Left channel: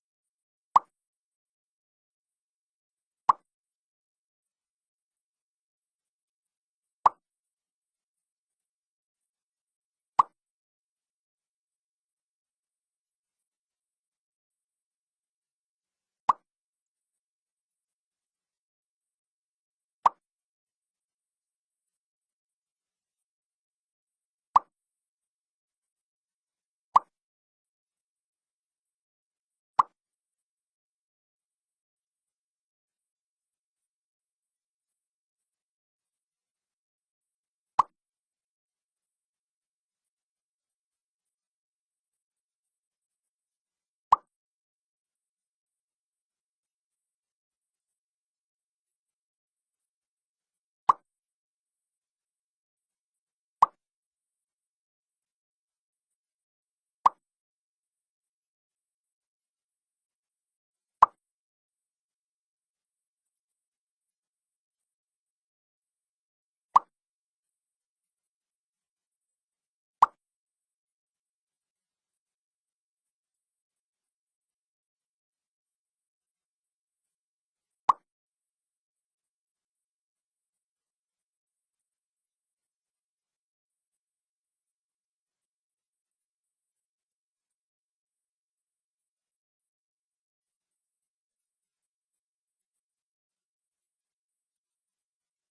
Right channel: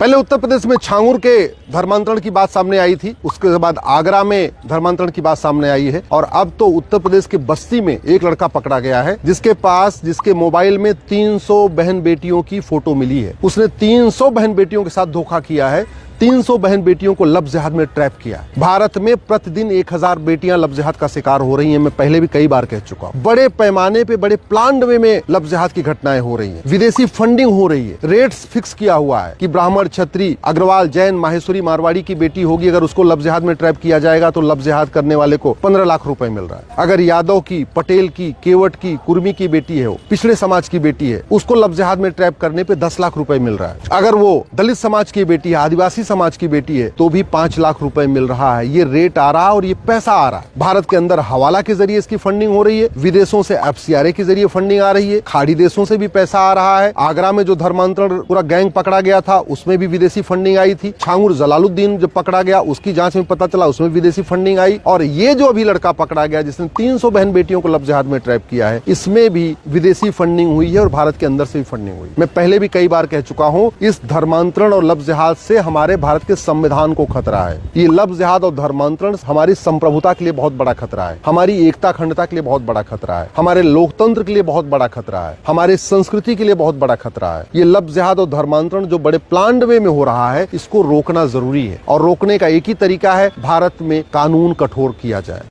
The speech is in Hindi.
पहले उत्तर प्रदेश में छांगुर के धर्मांतरण की बात सामने आई थी, उसके बाद आगरा में धर्मांतरण की बात सामने आई है और अब तो उत्तर प्रदेश के बस्ती में एक लड़का पकड़ा गया है जिसके मोबाइल में 300 बहन बेटियों की फोटो मिली है। उसने 300 बहन बेटियों के साथ धोखा किया है, 300 बहन बेटियों को लव जिहाद में ट्रैप किया। भारत में प्रतिदिन 1000 बेटियां लव जिहाद का शिकार हो रही हैं। मैं पहले भी कई बार कह चुका हूं। बड़े पैमाने पे, बड़े प्लान वे में लव जिहाद की घटनाएं हो रही हैं। विदेशी फंडिंग हो रही है। रेट्स फिक्स किया हुआ है कि ब्राह्मण, क्षत्रिय, अग्रवाल, जैन, माहेश्वरी, मारवाड़ी की बेटी होगी, अगर उसको लव जिहाद में ट्रैप किया जाएगा तो लव जिहाद करने वाले को 15 लाख रुपए मिल रहा है। अगर यादव की, पटेल की, केवट की, कुर्मी की बेटी है, वो पिछड़े समाज की बेटी है, उसको लव जिहाद में ट्रैप करने पे 10 लाख रुपए मिल रहा है। अगर वो दलित समाज की बेटी है, आदिवासी समाज की बेटी है, तो भी 5 लाख रुपए मिल रहा है। ये रेट आ रहा है और ये पैसा आ रहा है। भारत के अंदर हवाला के जरिए इसकी फंडिंग हो रही है, विदेशों से एफसीआरए के जरिए फंडिंग आ रही है, खाड़ी देशों से भी पैसा आ रहा है। आगरा में जो धर्मांतरण पूरा गैंग पकड़ा गया था, उसमें भी विदेशी फंडिंग आई थी। छांगुर जलालुद्दीन जब पकड़ा गया, उसकी जांच में पता चला उसमें विदेशी फंडिंग आई। और ये जो अभी लड़का पकड़ा गया जिसने 300 बहन बेटियों को लव जिहाद में ट्रैप किया है, इसमें भी विदेशी फंडिंग हुई है और भारत के अंदर से भी फंडिंग हुई। मैं पहले भी कई बार कह चुका हूं, इस धर्मांतरण और लव जिहाद से हमारे भारत के संविधान को खतरा है। ये लव जिहाद और धर्मांतरण हमारी संप्रभुता के लिए बहुत बड़ा खतरा है, हमारी एकता अखंडता के लिए बहुत बड़ा खतरा है, हमारे लोकतंत्र के लिए बहुत बड़ा खतरा है, हमारे संस्कृति के लिए बहुत बड़ा खतरा है। ये लव जिहाद और धर्मांतरण जो बड़े प्लान्ड वे में हो रहा है, इसको रोकना जरूरी है और रोकने का एक ही तरीका है, भारत में कानून कठोर किया जाए।